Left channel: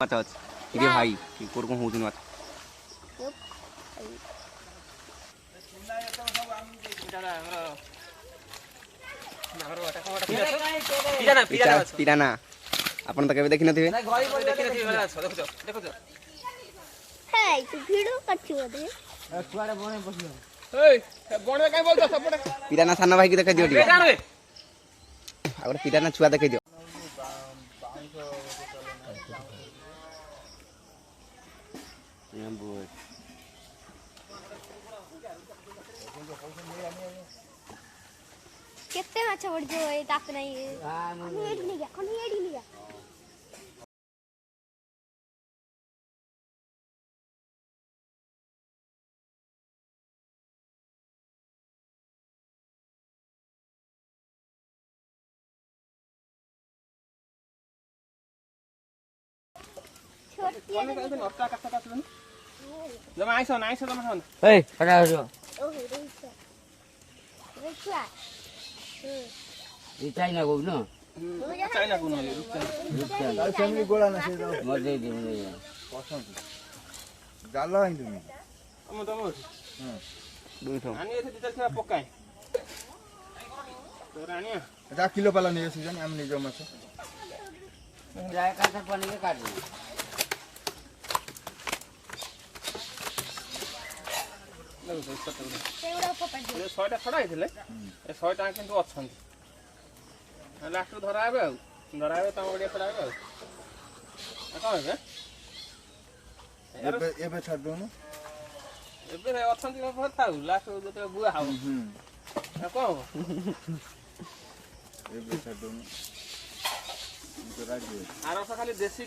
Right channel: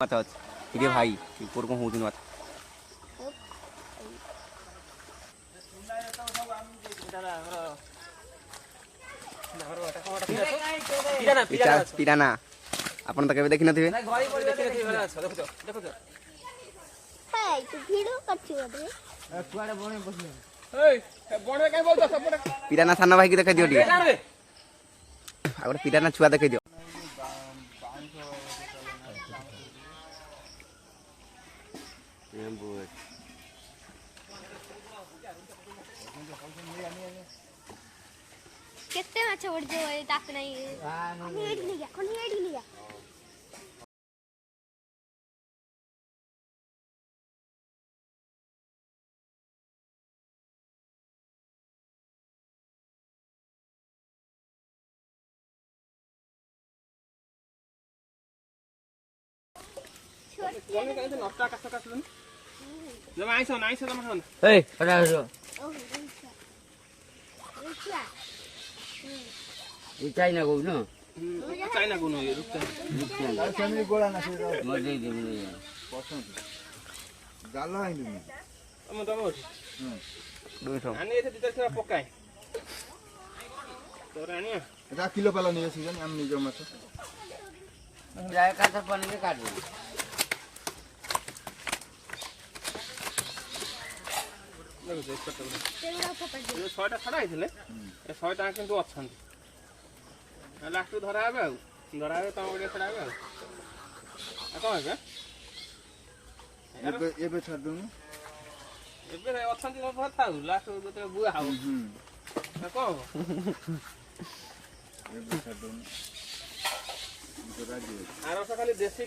माछ अछि इरे भाई कोर को होउदिन माछ पिराना आपण त केबे देखि नथिबे हे तू वीडियो करछियो दे छुआड़े बणे बसिया ए बणे काई बोलतो सपोर्ट पिराना साना भाई की देखै दियो टी आगर पिराना छुआ देखै दियो केते माछ उड़ जो ताक नहीं हां एडी नहीं गया कोनी एडी नहीं गया कोन काई से नष्टा कास कासलन जमा आइस जमा खान ए पडा हो ओहो देखिया ई चाइना को न चाइना को न फैमिली गोला ना से मर दे दे पसंद जाला हिंदू हम तम दुइठो आनी एथे दितर छरा पकाय तो रानिया जा किलो पाला नहीं सीजन हम नहीं जो मत जाय का तर बनी के काट दे ए 6टा खडा आइथिले ए 6टा किंतु अछन लास्ट धरा आबे तम ओडिया खडा आबे आ कोन हे ये छाड़ दो ना एबे अछन बहुत थाउ लास्ट जते बुआ हाउ आ को ये छाड़ दो ना आराम से खाली देसी